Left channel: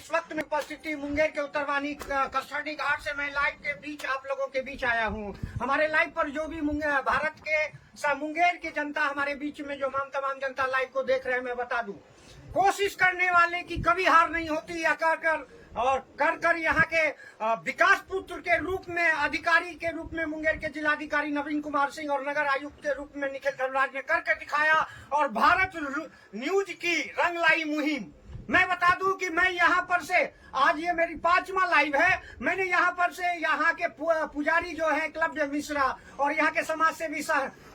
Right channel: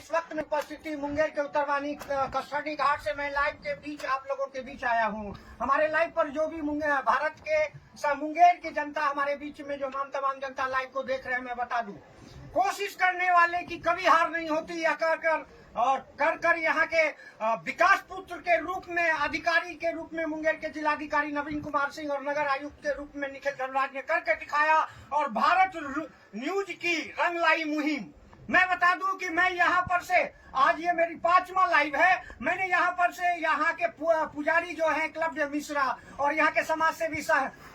इस वक्त में उपस्थिति मुंगेर के उत्तरवानी कस्टडी घाट से मैं लाइव के बीच आप लोगों के बीच आया हूं। हमारे लाइव पर जो भी भारत के मुंगेर की जनता हमारे बीच में जो तमाम जनता लाइव को देख रहे हैं, मैं बता दूं, कोशिश करने वाले की कभी हार नहीं होती। या कर यहाँ के विकास पुत्र के रूप में, अधिकारी के रूप में मुंगेर के जिलाधिकारी नवीन कुमार सिंह और नगर आयुक्त के रूप में निखिल धनराज ने करके दिखाया और भारत न्यूज की रंग लाई मुहिम। मैं बता दूं कि मैं यहाँ पर से आज ये मेरी 5वां लाइव है। मैंने यहाँ पर से यहाँ के पुजारी जो हैं एकलव्य मिश्रा और यहाँ के समाज सेवी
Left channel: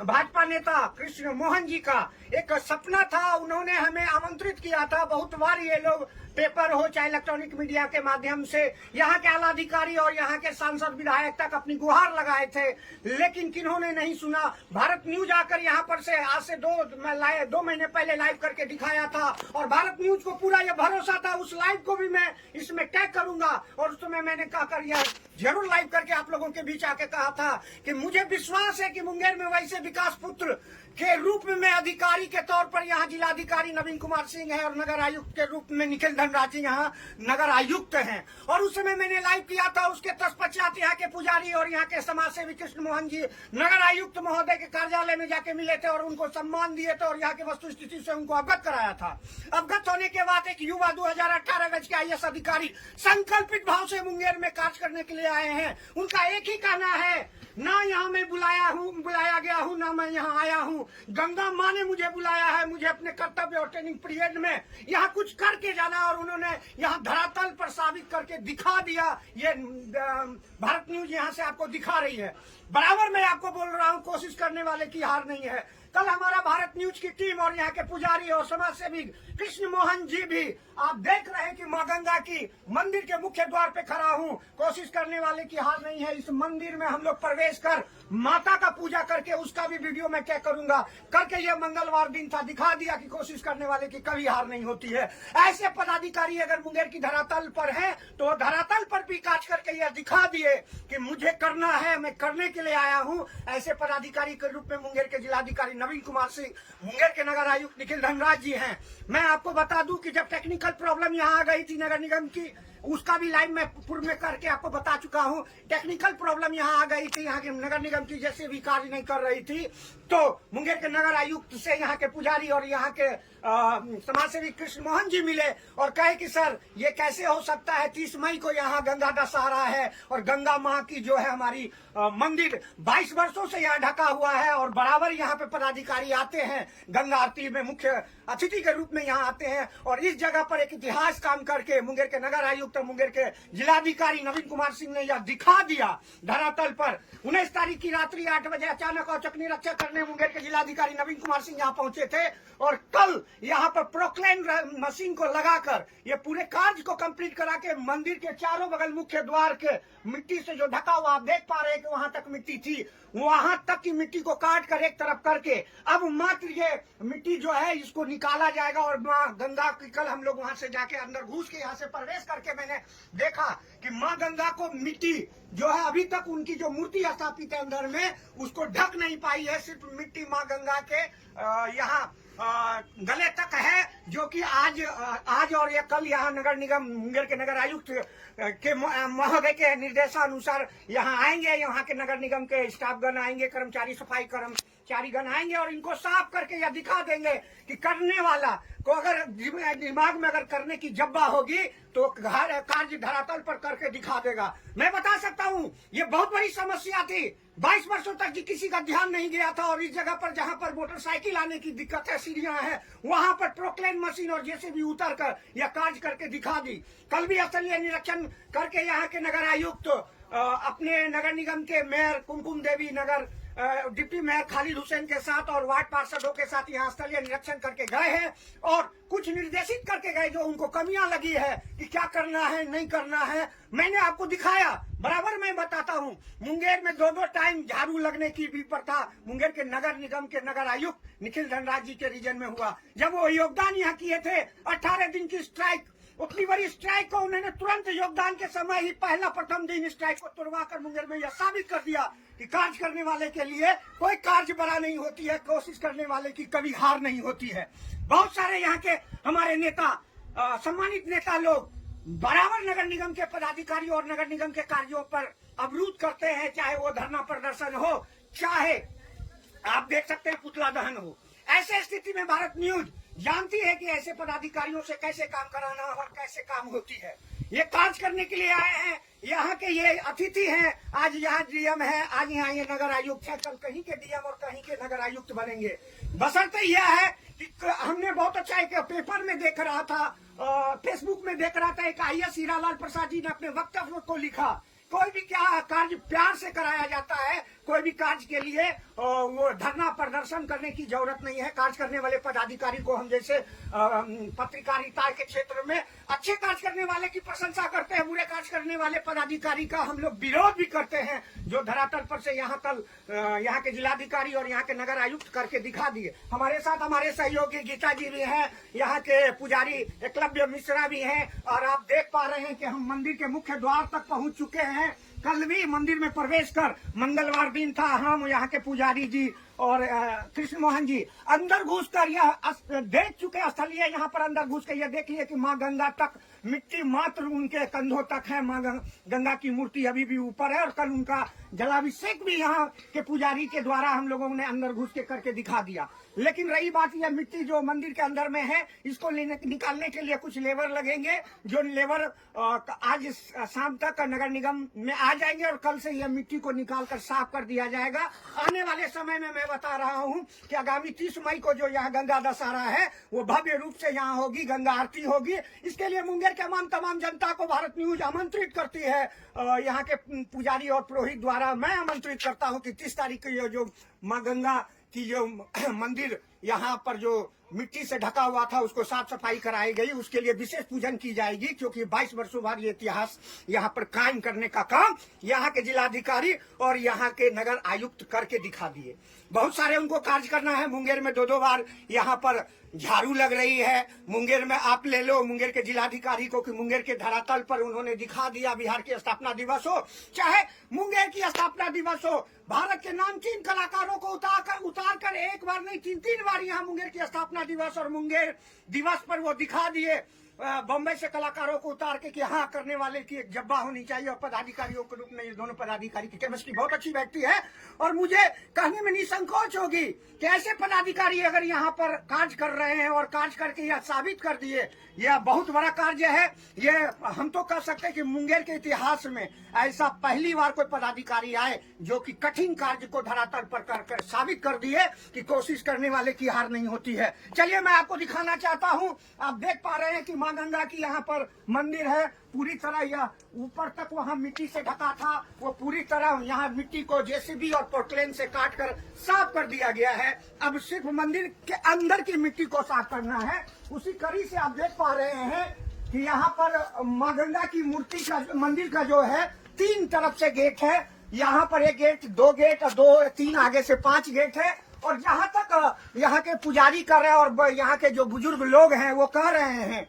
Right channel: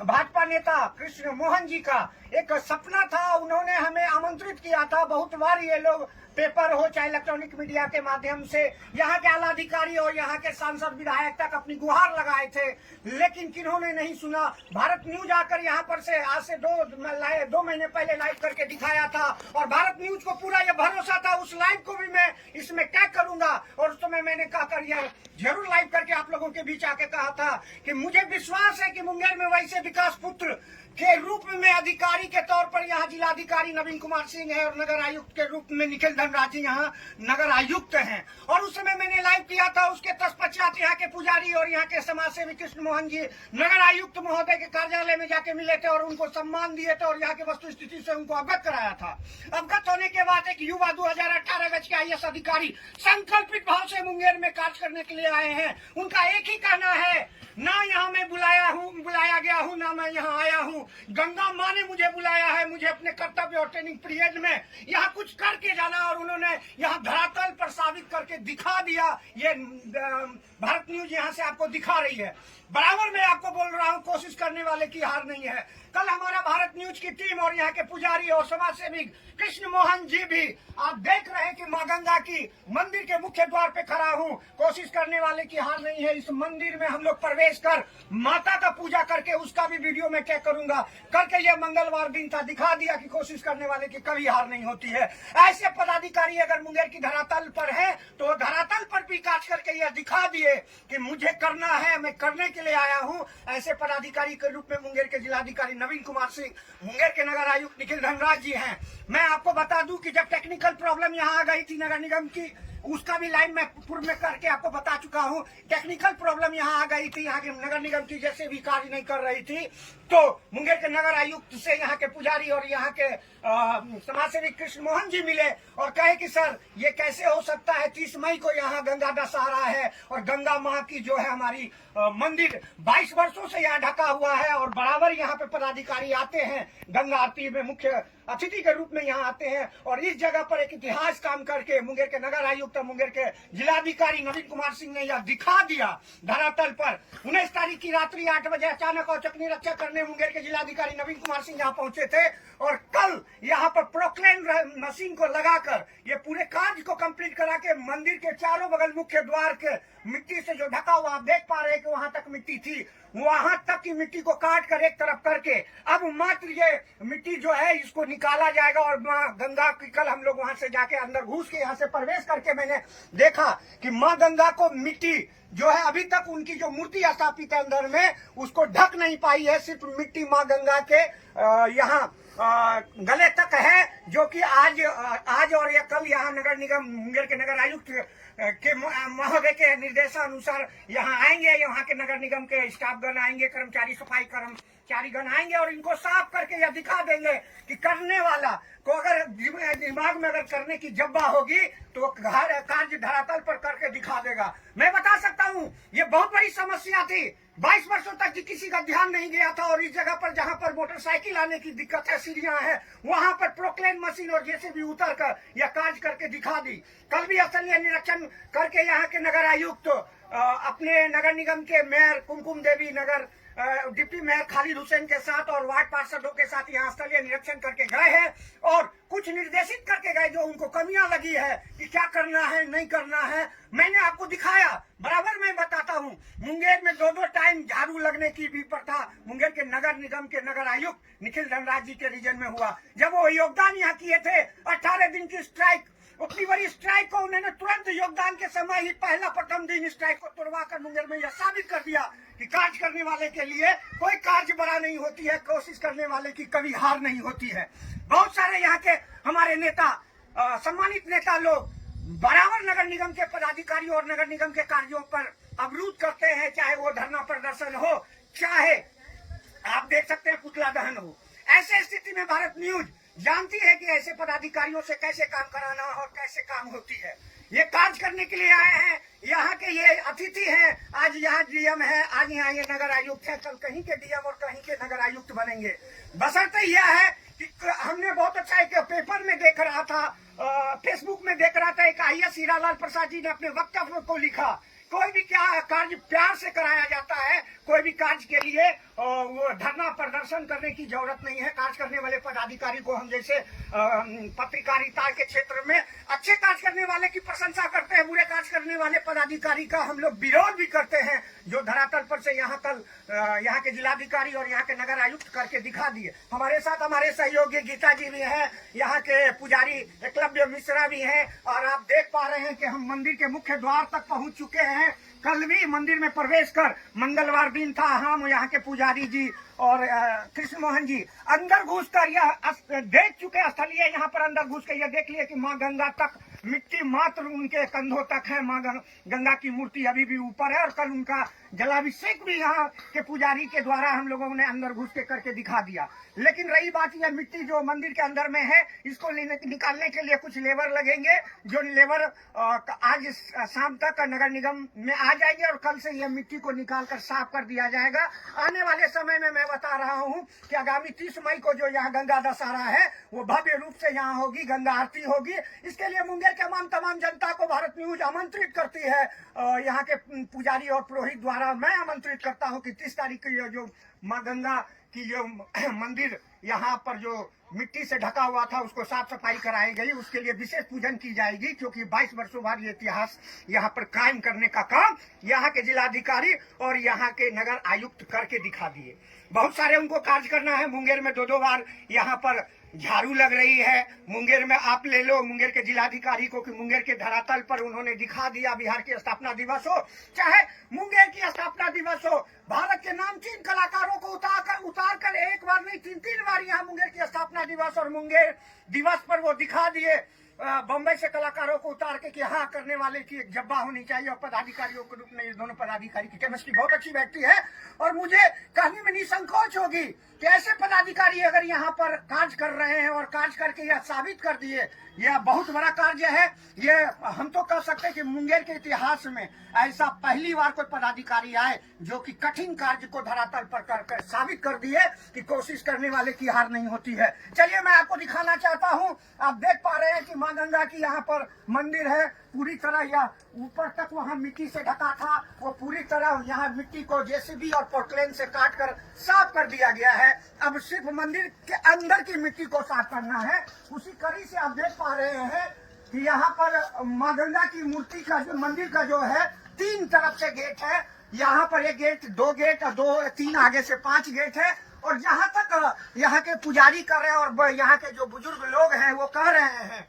भाजपा नेता कृष्ण मोहन जी का एक सपना था। उन्होंने हमें आमंत्रित किया था। बहुत बार ये लोग पेपर हो चाहे इलेक्ट्रॉनिक मीडिया के माध्यम से यहाँ के आला अधिकारी और यहाँ के सांसद विधायक तक अपनी गुहार लगाए थे, लेकिन किन्होंने नहीं सुना। भारत न्यूज आकर यहाँ पर से आज से 2 महीने पहले लाइव करके दिखाया था और भारत न्यूज को पूरा ये भरोसा था उस लाइव को भी मैं इसमें टैग करूंगा। और उस समय मैंने कहकर यह जरूर लाइव करके आप लोगों के बीच आके कहा था कि मुझे विश्वास है कि मुंगेर में वैसे विकास पुत्र के रूप में अधिकारी के तौर पर यहाँ जिलाधिकारी नवीन कुमार सिंह है और नगर आयुक्त के रूप में निखिल धनराज जी यहाँ नगर आयुक्त हैं। और उस समय मैंने लाइव किया था। उसके तत्पश्चात यहाँ के पुजारी और यहाँ के समाज सेवी कृष्ण मोहन जी नगर आयुक्त महोदय के कार्यालय में जाके मिले थे और उनको सम्मान दिए थे और यहाँ के वस्तु स्थिति से उनको अवगत कराया था। अवगत होने के बाद एक युवा 2018 बैच के IAS अधिकारी संकल्पित भाव से मुंगेर में कार्य करने के लिए आए हैं। उनका एक ही कहना है, ना यहाँ मैं बुलाया गया हूँ, ना मैं यहाँ आया हूँ। गंगा माँ ने मुझे बुलाया है। मुझे अपने कर्तव्य और ट्रेनिंग पीरियड में यहाँ कुछ करके जाना और उन्होंने यहाँ धरातल पर साबित करके दिखा दिया। ये भारत न्यूज यहाँ से आपको दिखा रही है। बराबर मैं आपको बोल रहा हूँ, कोशिश करने वाले की हार नहीं है। कल हमारा भारत न्यूज की टीम और यहाँ के पुजारी और समाज सेवी कृष्ण मोहन जी भी, आप देख रहे हैं कि माँ गंगा की मंदिर के मुख्य द्वार पे खड़ा हूँ। कोशिश करने वाले की हार नहीं है। इस मंदिर में हम लोग प्रवेश कर माता का पूजा करके उसका भी वीडियो में क्या करूंगा करके, ये मंगलवार दिन था, दिखा दिया कि कोशिश करने वाले की कभी हार नहीं होती है। ऐसे पदाधिकारी अगर मुंगेर की धरातल पर है तो धरातल पर भी कार्य करके यह दिखा दिए कि मुझे करना है, मैं करने के लिए आया हूँ। ऐसे पदाधिकारी के रूप में मुंगेर के जिलाधिकारी नवीन कुमार सिंह, मुंगेर के नगर आयुक्त निखिल धनराज जी हैं। मैं आपको बता दूं कि जब टेक्निकल प्रॉब्लम यहाँ आ गई थी नगर निगम की, उसका भी लाइव मैं पूर्व में करके आपको बता चुका हूँ। टेक्निकल प्रॉब्लम यहाँ आ गई थी, यहाँ के नगर निगम की जैसे भी कार्य नहीं कर रही थी, तो मुंगेर के नगर आयुक्त से यहाँ के पुजारी और यहाँ के समाज सेवी कृष्ण मोहन जी मिले और कहे कि सर ये कैसे हो सकता है, 30 मई को यहाँ गंगा दशहरा है और गंगा माँ की जो है हमारी मंदिर 22 वर्षों से यहाँ ढका हुआ है और बराबर यहाँ पे पदाधिकारी आते हैं, गंगा आरती में मुख्य अतिथि के रूप में यहाँ आते हैं। और इस जगह पर एक इतिहास काम करके मुंगेर के नगर आयुक्त और मुंगेर के जिलाधिकारी नवीन कुमार सिंह ने यह दिखा दिया धरातल पर। 19 तारीख की रात्रि 8 बजे अचानक औचक निरीक्षण करने मुंगेर के जिलाधिकारी नवीन कुमार सिंह यहाँ पहुंचे थे और कल यहाँ पर प्रोक्लेन मशीन को लगाकर ये पूरे कार्य को कंप्लीट करा के मंदिर के चारों बगल मुख्य द्वार के मिट्टी से जो ढका हुआ, आप देख पा रहे हैं कि वहां तक मिट्टी थी, वहां तक की मिट्टी को काट कर एक तरफ करके अब मात्र ये मिट्टी जो है इसको निकाला जाएगा। और माँ गंगा की कल हम लोग वहां से जाके अंदर घुस के यहाँ से प्रवेश करके मैंने देखा कि माँ गंगा को मिट्टी जो है अभी तक उनकी जो मूर्ति स्थापित है अंदर में उसको ढक नहीं पाई है। सिर्फ मिट्टी माँ गंगा के यहाँ गले तक है, जो कि आज और ये कल यहाँ नगर निगम मुंगेर के नगर आयुक्त के महोदय के निर्देशानुसार यहाँ आएंगे। यहाँ के नगर निगम के स्टाफगण आएंगे, कर्मचारी सफाई कर्मचारीगण आएंगे और इनको साफ करके यह दिखा देंगे कि करने वाला को अगर दिमाग में अगर करने की जब्बा होगी तो कार्य धरातल पर करके दिखा देगा। मैं बता सकता हूँ ये बहुत बड़ी समस्या थी। 22 वर्षों तक किसी का ध्यान नहीं गया था और इस जगह पर जहाँ पर मोटरसाइकिल आने की दिक्कत है, सीढ़ियां हैं, वहां पर प्रोक्लेन मशीन और जैसे भी उतर कर यह कार्य करके दिखा दी। कल भी स्थलीय निरीक्षण करके यहाँ के नगर आयुक्त अपने नगर निगम के मेयर कुमकुम देवी, नगर डिप्टी मेयर खालिद हुसैन के साथ और वार्ड पार्षदों के साथ यहाँ स्थलीय निरीक्षण करके गए हैं और कुछ निर्देशित करके गए जो उनको कमियां लगी है कि क्या करना है नहीं करना है, मैंने आपको दिखाया। बराबर मैं बताता हूँ, मुंगेर में 2-2 टाइम झाड़ू लगने की भी प्रथा मुंगेर के नगर निगम के नगर आयुक्त निखिल धनराज जी के रीजन में हुआ। जब वो योगदान यहाँ किए थे 18 दिन की स्ट्राइक, उतनी बड़ी स्ट्राइक को उन्होंने तुरंत योगदान के समय ही पहला प्रथम दिन स्ट्राइक को तुड़वा कर मुंगेर में यह साबित कर दिया कि कार्य करने वाले के लिए कोई कार्य बड़ा नहीं होती है, कोशिश करने वाले की कभी हार नहीं होती है। बहुत सारे यहाँ के हमारे नेता, सम्मानित नेता लोग बराबर नगर निगम के पदाधिकारी और नगर निगम के कार्यों पर अवरुद्ध करते हैं, चाहे वो धरना प्रदर्शन हो, चाहे आप देख सकते हैं पुतला दहन हो। ऐसे स्थिति में भारत न्यूज जानती है कि ऐसे पदाधिकारियों से कैसे काम कराना और कैसे काम होती है। ये कार्य करने के लिए आए हैं, यहाँ के ये अतिथि हैं। आज यहाँ डीएम है, आज यहाँ ये नगर आयुक्त है, कल कहीं के डीएम और कहीं के नगर आयुक्त बनेंगे। बशर्ते यह है कि हमने बहुत अच्छा एक पेपर में देख रहा था, फेसबुक में देख रहा था, एक IAS हीरालाल प्रसाद जी ने अपने वक्तव्य को लिखा, कोई भी क्या कार्य प्यार से कराया जाता है, कोई भी कार्य के लिए वो धरना प्रदर्शन करने की जरूरत नहीं है। कार्य करने वाले पदाधिकारी को हम जैसे पत्रकारिता के क्षेत्र में अच्छे कार्य करने वाले की प्रशंसा करते हैं, बुरे कार्य करने वाले पदाधिकारी का हम लोग विरोध भी करते हैं, जो धरातल पर से यहाँ कल यहाँ के जिलाधिकारी और यहाँ के नगर आयुक्त करके दिखा दिए। हमारे साथ हमारे सहयोगी गीता जी भी हैं, यहाँ के पुजारी एकलव्य मिश्रा भी हैं, और आप देख पा रहे हैं कि हम मंदिर के मुख्य द्वार तक पहुंच चुके हैं। कल भी मंदिर में प्रवेश कर, मंगलवार दिन था, हम यहाँ के पुजारी जी और कृष्ण मोहन जी अंदर घुसकर यह देख चुके स्थलीय, यहाँ पर अंदर घुस कर यह देख लिए कि माँ गंगा तक मिट्टी मात्र उनके कंधों तक है। माँ गंगा की मूर्ति अभी भी ऊपर है, और कल उनका जलाभिषेक भी यहाँ के पुजारी के द्वारा हम लोगों ने अंदर घुस के करके दिखा दिया। लेकिन रही बात, यह मिट्टी जो मंदिर के अंदर में है, इसको निकालने के लिए कुछ लेबर लगेंगे, जो लेबर आज शाम तक नगर निगम में आ जाएंगे, और कल से यह मिट्टी को निकाल कर साफ कर दिया जाएगा। आने वाले समय में मैं बता रहा हूँ कि आगामी 30 मई को जो यहाँ गंगा दशहरा है, वो भव्य रूप से यहाँ होगी, गंगा आरती होगी। इसके लिए मुंगेर के तमाम जनता को भारत न्यूज आमंत्रित करती है। यहाँ के पुजारी और पुरोहित द्वारा मैं आमंत्रित करता हूँ कि 30 तारीख को जो माँ गंगा की जो मंदिर यहाँ पर जो मिट्टी से ढका हुआ था, उसको साफ सफाई कराई गई, उसके लिए विशेष पूजन की जाएगी, क्योंकि 22 वर्षों बाद ये इतिहास यहाँ पर कायम करने का काम यहाँ के जिलाधिकारी और यहाँ के नगर आयुक्त करके दिखा दिए। बहुत सारे उनको कार्य करना है। मुंगेर में 2-2 बार यहाँ पर झाड़ू लग रही है। मुंगेर में आप ले लो मुंगेर के जिलाधिकारी को कि मुंगेर के धरातल पर उन्होंने दिखा दिया, बिहार की स्थापना दिवस हो चाहे मुंगेर की स्थापना दिवस हो, भारत के नामचीन कलाकारों को उतार कर एक बार नहीं 3 बार यहाँ मुंगेर की स्थापना दिवस और मुंगेर दिवस पर वो दिखा दिए। बम्बई से कलाकारों को उतार के कि हाँ करने वाले की एक जब्बा होनी चाहिए, और पदाधिकारियों के रूप में ये दोनों पदाधिकारी की केमिस्ट्री बहुत अच्छी बैठती है। और मुझे कहने में निसंकोच होगी कि ऐसे पदाधिकारी अगर यहाँ पर कार्य कर रहे हैं और कार्य करके यह साबित कर दिए, यह बहुत बड़ा कार्य है। ये हम तो कह सकते हैं कि मुंगेर के इतिहास में ऐसा पहली बार कोई पदाधिकारी आए जो कि कठिन कार्य को धरातल पर कर साबित कर दिए कि कोशिश करने वाले की हार नहीं होती है। चलिए मैं आपको दिखाना चाहता हूँ। आप देख पा रहे हैं कि माँ गंगा की यहाँ पर मंदिर है, पूरी तरह यह ऊपर तक वहाँ मिट्टी से ढका था, वो पूरी तरह यहाँ मिट्टी को जेसीबी और पोर्टलेन से काट कर साफ कर दिया गया है। अब सिर्फ मंदिर के अंदर की मिट्टी को साफ करना है। उसी कड़ी से आप देख पा रहे हैं कि यहाँ पर माँ गंगा की मूर्ति का मंदिर का जो है 3 तरफ से गेट है। यहाँ पर 1 गेट, 2 गेट और 2-3 आगे से 5 गेट है। और जहाँ तक यहाँ के पुजारी कर रहे हैं और यहाँ के जो बुजुर्ग लोग हैं वो कह रहे हैं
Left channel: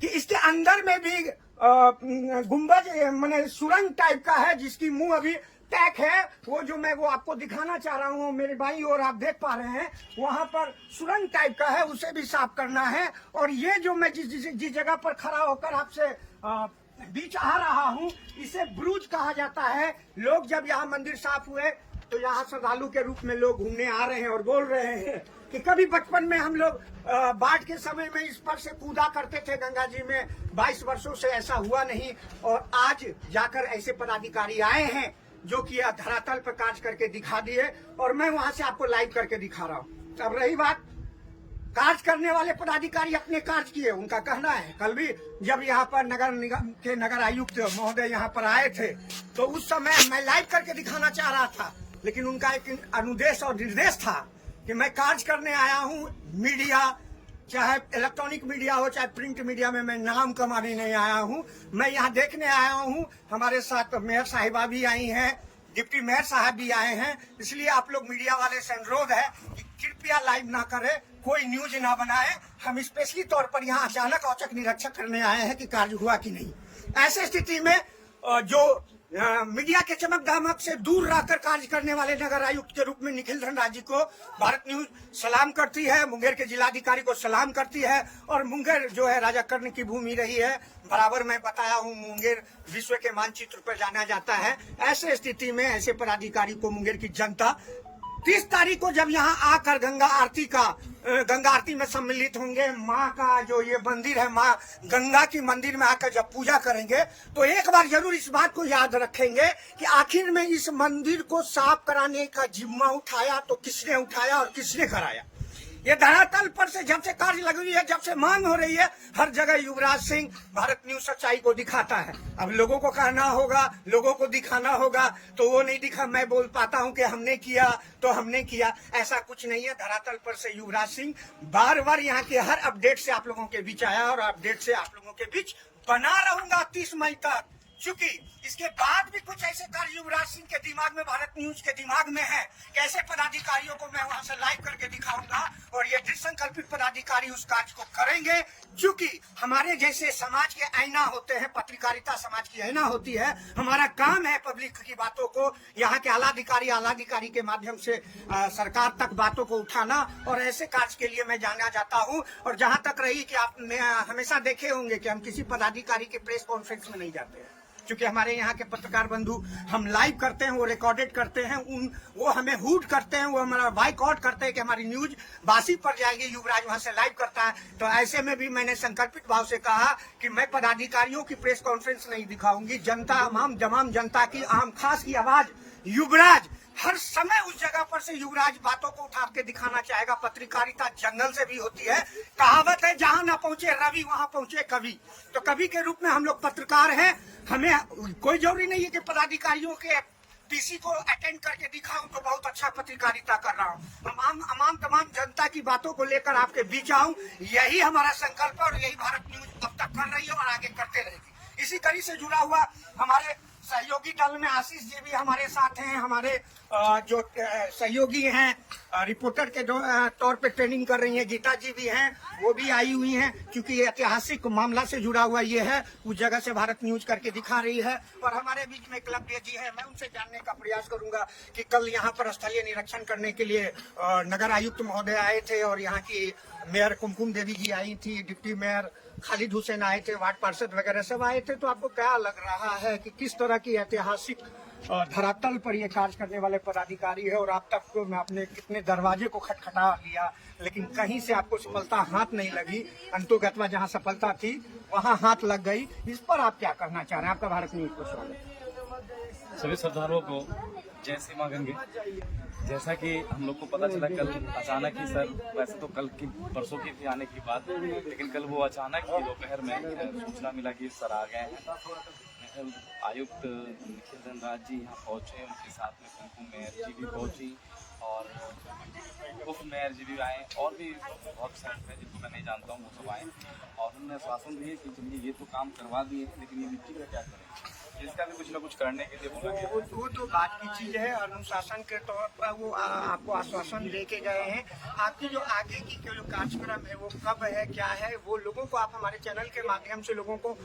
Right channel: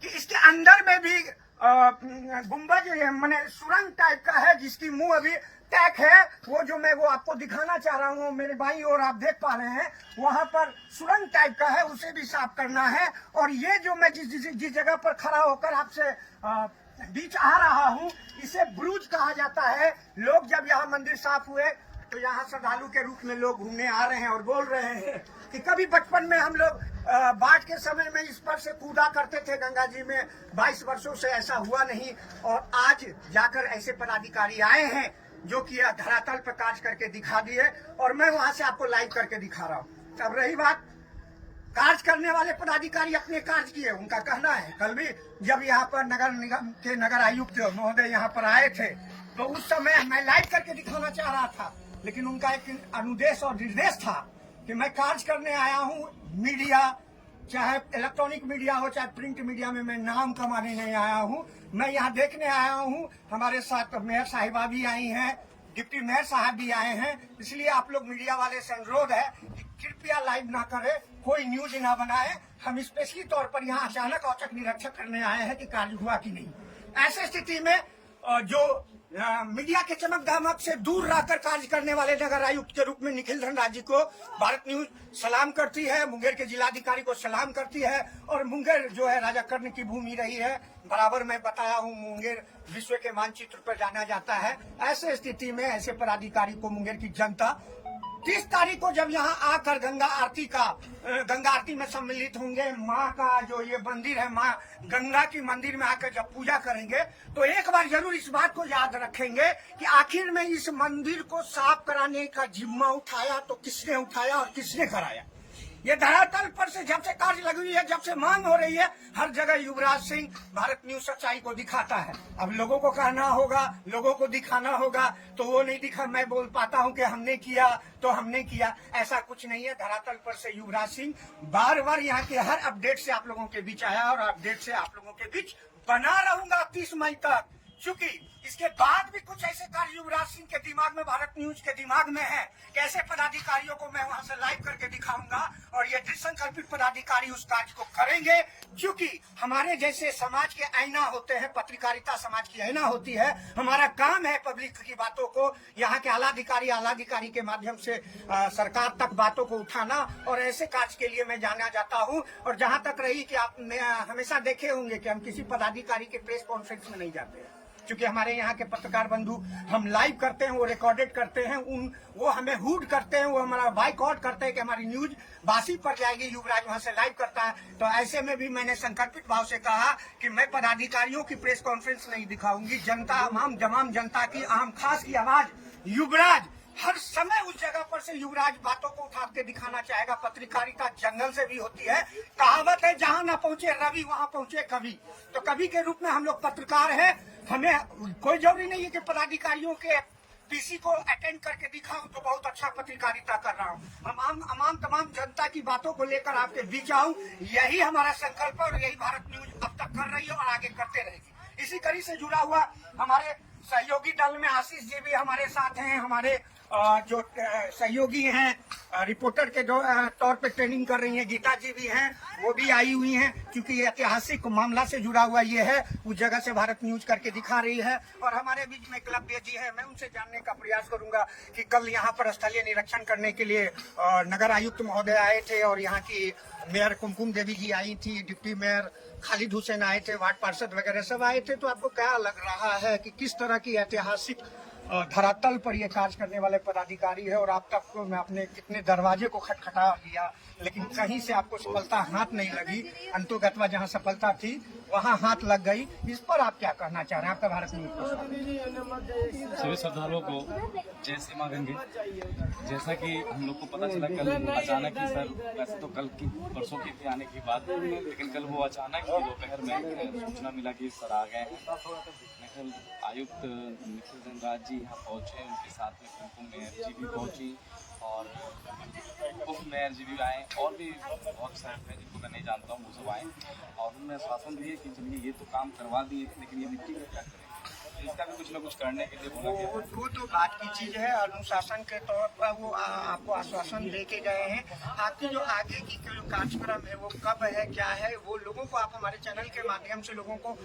कि इसके अंदर में भी गुम्बज माने सुरंग टाइप का है, जिसकी मुंह अभी पैक है। वो जो मैं वो आपको दिखाना चाह रहा हूँ, मेरे भाई और आप देख पा रहे हैं, वहां पर सुरंग टाइप का है, उसे भी साफ करना है। और ये जो मैं जिस जगह पर खड़ा होकर आपसे बीच आ रहा हूँ, इसे ब्रूज कहा जाता है। लोग जब यहाँ मंदिर साफ हुए तो यहाँ श्रद्धालु के रूप में लोग घूमने आ रहे हैं और बोल रहे हैं कि कभी बचपन में हम लोग बाढ़ के समय में इस पर से कूदा करते थे गंगा जी में, 22 वर्षों से ऐसा हुआ नहीं। और आज जाकर ऐसे पदाधिकारी आए हैं जो कि धरातल पर कार्य करके दिखा दिए, और मैं वहां से आपको लाइव करके दिखा रहा हूँ। अब रही बात, कार्य करने वाले पदाधिकारी अपने कार्य किए, उनका कहना है। कल भी जब यहाँ पर नगर निगम के नगर आयुक्त महोदय यहाँ पर आए थे तो उस समय मैं लाइव करके दिखाना चाह रहा था, लेकिन उनका एक अनुदेश और निर्देश था कि मैं कार्य करने आया हूँ। मीडिया, चाहे इलेक्ट्रॉनिक मीडिया हो चाहे प्रिंट मीडिया में मैं नाम कमाने नहीं आया हूँ, मैं यहाँ देखने आया हूँ। हमारे साथ मेयर साहिबा भी आई हैं, डिप्टी मेयर साहब भी आए हैं। इसलिए आप लोग मीडिया वाले से अनुरोध है कि कृपया लाइव ना करें, कोई न्यूज ना बनाए। हम स्पेशली तौर पर यहाँ अचानक औचक निरीक्षण करने आए हैं कि कार्य हुआ कि नहीं। ऐसे स्थिति में जो मीडिया के चमक दमक से दूर रहकर कार्य करने वाले नगर आयुक्त के रूप में निखिल धनराज जी को भारत न्यूज सलाम करती है, मुंगेर के जिलाधिकारी को सलाम करती है। और मुंगेर जो है राजा कर्ण की भूमि रही है, बराबर मैं बताया हूँ, मुंगेर विश्व के मानचित्र पर जाना जाता है। ऐसे स्थिति में ऐसे पदाधिकारी को मुंगेर की जनता 30 तारीख को जब यहाँ आकर गंगा आरती में सम्मिलित होंगे, माँ का जो ये मंदिर है, माँ गंगा की मंदिर में आकर जब पूजा करेंगे तो एक बार जरूर इस बात को याद रखेंगे कि आखिर में इस मंदिर को साफ कराने का जिम्मा उठाया तो किसने उठाया और किसने कराया। ये धरातल पर से जब से कार्य लगी हुई है, जब से मांग हो रही है, हर जगह युवराज सिंह भारत न्यूज सच्चाई को दिखाता है। अब लोगों को कहना होगा, लोगों को दिखाना होगा, तो वो नहीं दिखा। मैं बोल पाता हूं कि हमने किया तो हमने किया, ऐसा कुछ नहीं है। धरातल पर से युवराज सिंह बार बार यहाँ के हर अपडेट से आप लोगों के बीच आया और अपडेट से आप लोगों के बीच बना रहूंगा 30 मई तक। चूंकि इसके बाद भी कुछ ऐसे कार्य युवराज सिंह के दिमाग में, भारत न्यूज के दिमाग में है, कैसे पदाधिकारियों को मैं वहां से लाइव करके दिखाऊंगा और ये संकल्पित पदाधिकारी उस कार्य को करेंगे। क्योंकि हमारे जैसे समाज के आईना होते हैं, पत्रकारिता समाज की आईना होती है। हमारा काम है पब्लिक की बातों को, यहाँ के आलाधिकारी के माध्यम से सरकार तक बातों को उठाना, और ऐसे कार्य के लिए मैं जाना जाता हूँ। और जहां तक रही कि आप हमेशा देखे होंगे कि हम किसी पदाधिकारी के प्रेस कॉन्फ्रेंस में नहीं जाते हैं, क्योंकि हमारे यहाँ के पत्रकार बंधु हम लाइव करते हैं, वो रिकॉर्डेड करते हैं, वो हमें हुड करते हैं, वो हमारा बाइकआउट करते हैं कि हमारी न्यूज बासी पड़ जाएगी, युवराज वहां से लाइव करता है। तो ऐसे में भी मैंने संकल्पित भाव से कहा कि मैं पदाधिकारियों की प्रेस कॉन्फ्रेंस नहीं दिखाऊंगी। जनता, तमाम जनता की आम खास की आवाज युवराज हर समय उस जगह पर से युवराज बातों को उठा के दिखाना चाहेगा। पत्रकारिता जंगल से भी होती है, कहावत है जहां ना पहुंचे रवि वहां पहुंचे कवि। तो कवि के रूप में हम लोग पत्रकार हैं। हमें कोई जरूरी नहीं है कि पदाधिकारियों के पीसी को अटेंड करके दिखाऊं तो बहुत अच्छा पत्रकारिता कर रहा हूं। तमाम जनता की बातों को लेकर आपके बीच आऊं, यही हमारा संकल्प है और यही भारत न्यूज अब तक कर रही है और आगे करते रहेगी। इसी कड़ी से जुड़ा हुआ हमारे सहयोगी दल में आशीष जी भी हमारे साथ हैं। हमारे जो सहयोगी हैं, रिपोर्टर के तौर पे ट्रेनिंग कर रही हैं, गीता जी भी हैं, वो भी आई हुई हैं। क्योंकि ये ऐतिहासिक मामला से जुड़ा हुआ ये है, उस जगह से भारत न्यूज करके दिखा रही है। और हमारे बीच में एकलव्य जी है, मैं उनसे जानने का प्रयास करूंगा कि कल यहाँ पर स्थलीय निरीक्षण करने के लिए नगर आयुक्त महोदय आए थे और यहाँ की मेयर कुमकुम देवी जी आई थी, डिप्टी मेयर खालिद हुसैन आए थे, वार्ड पार्षद वगैरह सब आए थे। तो आपको क्या लग रहा है कि किस तरह की ऐतिहासिक धरातल पर ये कार्य करने वाले पदाधिकारी है? और आप तक तो मैं अपने कितने दरवाजे को खटखटा दिया, लेकिन कहीं से आपको सफलता हाथ नहीं लगी। अंतोगत्वा जहां सफलता थी वहां हाथ लग गई। इस पर आप क्या कहना चाह रहे हैं? आपका भारत न्यूज पर स्वागत। सभी श्रद्धालुओं को जय श्री मां गंगे। जैसा कि हम लोग को पता चला कल अचानक ही, सर वैसे तो कल की परसों की थी आने की बात, लेकिन कल वो अचानक ही दोपहर में सूचना मिला कि सर आ गए हैं। आयुक्त निखिल धनराज जी यहाँ पहुँचे, उनके साथ में कुमकुम मेयर जी भी पहुँची और उप मेयर जी भी आए, और भी बहुत सारे हैं जिनको मैं नहीं जानता हूँ, वो सब आए और उन्होंने आश्वासन दिए कि चलिए ये तो काम करवा दिए थे, लेकिन ये मिट्टी का क्या करें, इसका भी कुछ न कुछ करने के लिए वो तो बात की चीज है। अनुशासन के तौर पर वो आपको आश्वासन दे के गए हैं। आपकी जो आगे की जो कार्यक्रम है वो कब है, क्या है, वो लोगों को आप हमारे चैनल के माध्यम से लोगों को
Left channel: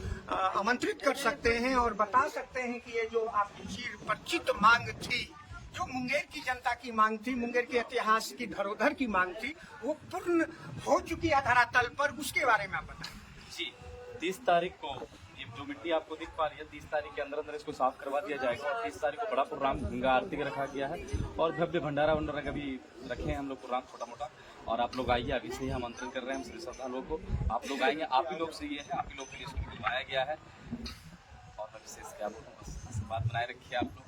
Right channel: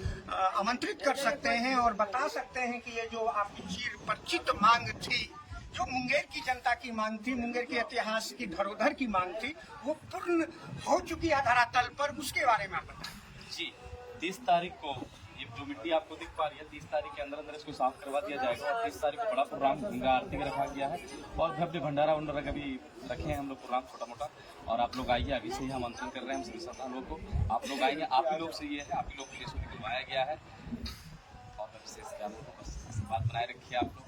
आमंत्रित कर सकते हैं और बता सकते हैं कि ये जो आपकी चिर परिचित मांग थी, जो मुंगेर की जनता की मांग थी, मुंगेर के इतिहास की धरोहर की मांग थी, वो पूर्ण हो चुकी है धरातल पर, उसके बारे में आप बताएं। जी, 30 तारीख को जो मिट्टी आपको दिख पा रही है, 30 तारीख के अंदर इसको साफ करवा दिया जाएगा और 30 तारीख को बड़ा प्रोग्राम गंगा आरती का रखा गया है और भव्य भंडारा वंडारा का भी रखे हैं हम लोग प्रोग्राम छोटा मोटा। और आप लोग आइए, अभी से ही आमंत्रण कर रहे हैं हम सभी श्रद्धालुओं को। आप लोग आएंगे, आप ही लोग से ये है, आप ही लोग के लिए इसको निकलवाया गया है और मैं विशेष क्या बात बनाए रखिए आप लोग।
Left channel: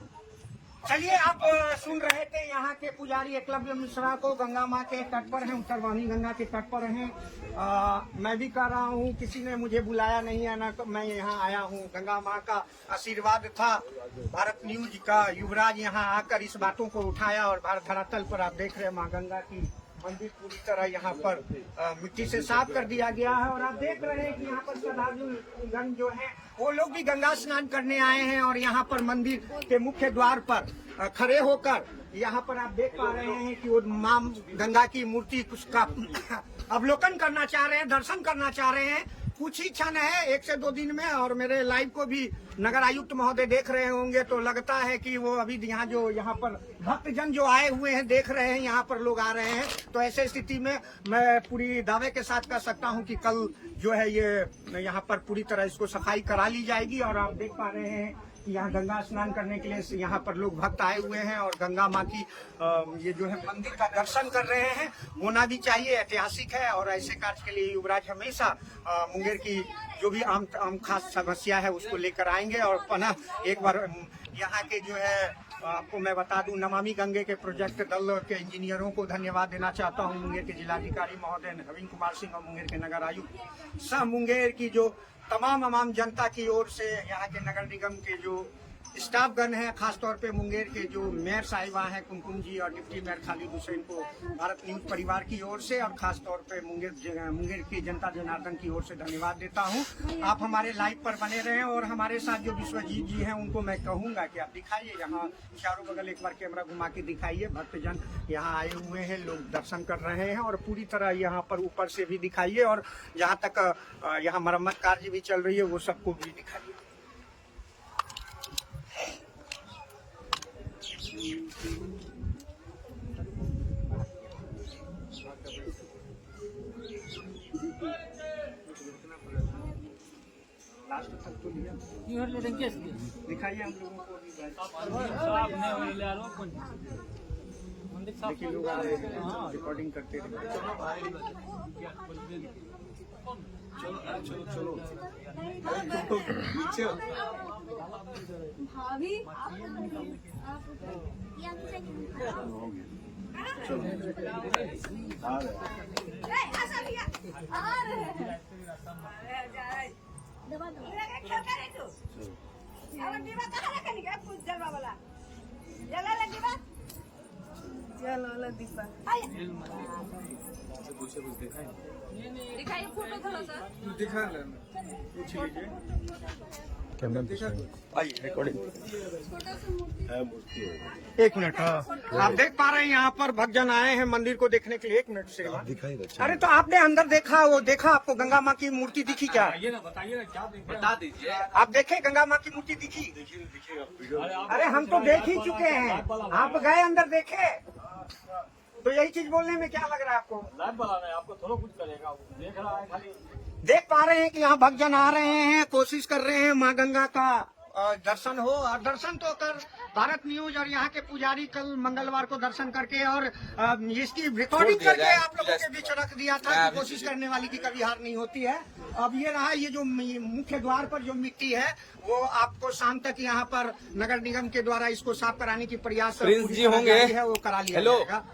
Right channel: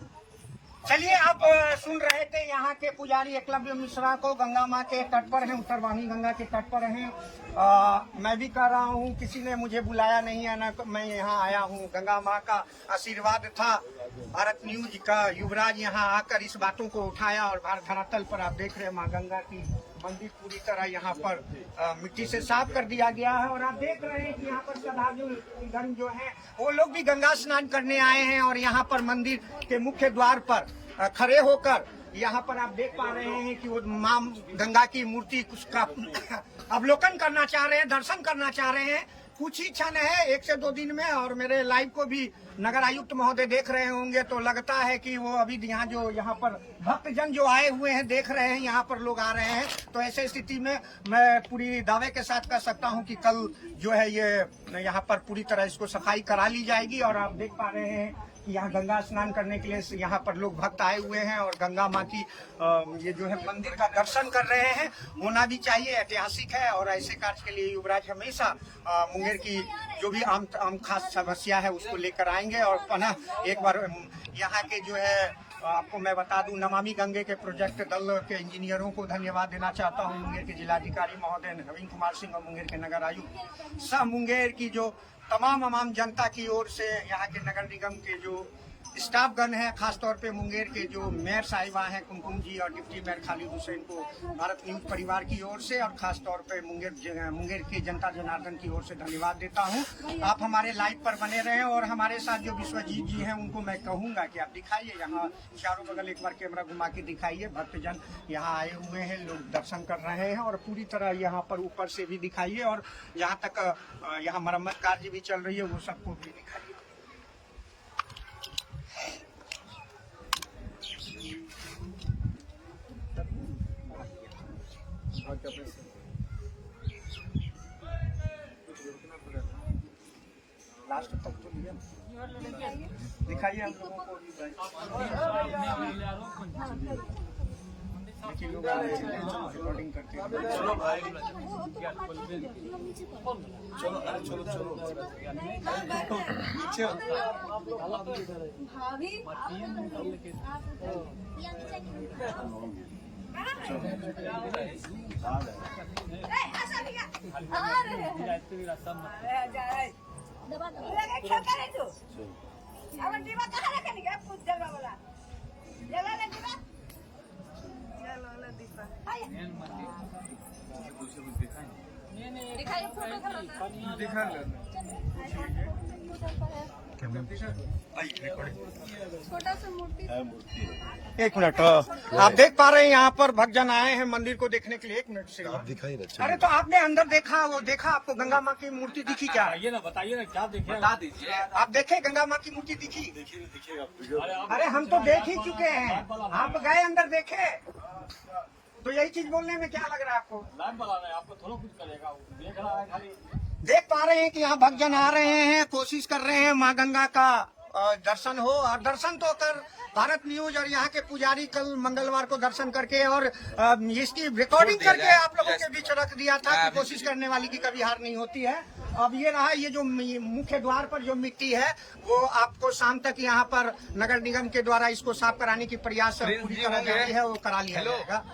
चलिए, आप सुन रहे थे यहाँ के पुजारी एकलव्य मिश्रा को, गंगा माँ के तट पर हैं, उत्तरवाहिनी गंगा के तट पर हैं। मैं भी कर रहा हूँ, किसी ने मुझे बुलाया नहीं है ना, मैं यहाँ आया हूँ। गंगा माँ का आशीर्वाद था, भारत न्यूज का युवराज यहाँ आकर इस बातों को उठाया और भारत धरातल पर आप देख रहे हैं माँ गंगा की मंदिर पूरी तरह यहाँ पर मिट्टी से साफ कर दिया गया है। और आप देख रहे हैं कि यहाँ पर श्रद्धालुगण जो हैं वो लोग भी गंगा स्नान करने आए हैं और यहाँ पर मंदिर के मुख्य द्वार पर खड़े होकर यहाँ पर आप देख पा रहे हैं कि वो मां गंगा की मूर्ति उसका अवलोकन करना चाह रहे हैं, दर्शन करना चाह रहे हैं। कुछ ही क्षण है, 1 से 2 दिन में, और मेरे लाइव को भी नगर आयुक्त महोदय देख रहे होंगे, तो लगता है कि वो अभी यहाँ पर भक्तजन जो आए हुए हैं देख रहे हैं, यहाँ पर लोग आ रहे हैं। तो ऐसे स्थिति में मैं पूरी दावे के साथ कह सकता हूँ कि कल जो है ये यहाँ पर पूरी तरह इसको सफाई करा ली जाएगी। और आप देख पा रहे हैं कि यहाँ गंगा स्नान करने के लिए यहाँ पर लोग भक्त आए हुए हैं और गंगा माँ की ये जो है मंदिर का दर्शन कर रहे हैं। होना भी चाहिए, ऐतिहासिक है, और ऐसे कार्य के लिए युवराज हमेशा मुंगेर की जो भी आम खास समस्या है उसको लेकर आएंगे। और पुनः एक बार यहाँ के जो है आपको मैं बता दूं, नमामि गंगे के प्रोजेक्ट दल के इंजीनियरों को धन्यवाद देना चाहता हूं, मुंगेर के जिलाधिकारी महोदय नवीन कुमार सिंह और मुंगेर के नगर आयुक्त सब मुंगेर की जो तमाम जनता की ओर से, यहाँ के नगर निगम के जो स्टाफगण है, खासतौर पे मुंगेर के जो मेयर साहिबा हैं कुमकुम जी और डिप्टी मेयर खालिद हुसैन को भारत न्यूज परिवार की ओर से और खासतौर पे मुंगेर की जनता जनार्दन की ओर से धन्यवाद देता हूं। आप हमारे लाइव पर बने रहें और हमारे साथ जो विश्वजीत जी हैं उनको मैं कहूंगा कि आप दिखाइए, यहाँ चारों बगल एक बार कैमरा घुमा के दिखाइए। भक्तजन यहाँ आए हुए हैं, लोग दर्शन कर रहे हैं, और पूरी तरह यहाँ पर ऊपर से भी दिखाइए, और यहाँ तक यहाँ मरम्मत कार्य भी चल रही है वो सबको भी दिखाइए। लास्ट तक तो दिखाइए हम लोगों को भी। देखिए लोग आ रहे हैं रिकॉर्डिंग करते हैं। चलो भाभी दबा दिखाइए फोटो दिखा एक मिनट, आप देख पा रहे हैं यहाँ पर भक्तजन आए हैं मंदिर को देखने के लिए। 1 मिनट से आप दिखाई। अरे तो आपने अंदर देखा, वो देखा, आपको गंगा माँ की मूर्ति दिखी क्या? बताइए ना क्या देखे, बता दीजिए। आप देखे गंगा माँ की मूर्ति दिखी? अरे हम तो देख ही चुके हैं, आप गए अंदर देखे, तो यही चीज बोलने में क्या लग रहा है आपको? आपको थोड़ा कुछ करेगा, देख रहा है खाली। देख पा रहे हैं कि यहाँ भक्तजन आ रहे हैं, कोशिश कर रहे हैं माँ गंगा का दर्शन हो, और दर्शन तो कर भारत न्यूज और यहाँ के पुजारी कल मंगलवार को दर्शन करके और इसकी रिकॉर्डिंग करके आप लोगों के बीच रख दिया था कि कोशिश करने वाली की कभी हार नहीं होती है। अब ये रहा, ये जो मुख्य द्वार पर जो मिट्टी है वो आपको शाम तक यहाँ पर नगर निगम के द्वारा इसको साफ कराने की प्रयास पूरी तरह जारी है, वो करा लिया जाएगा।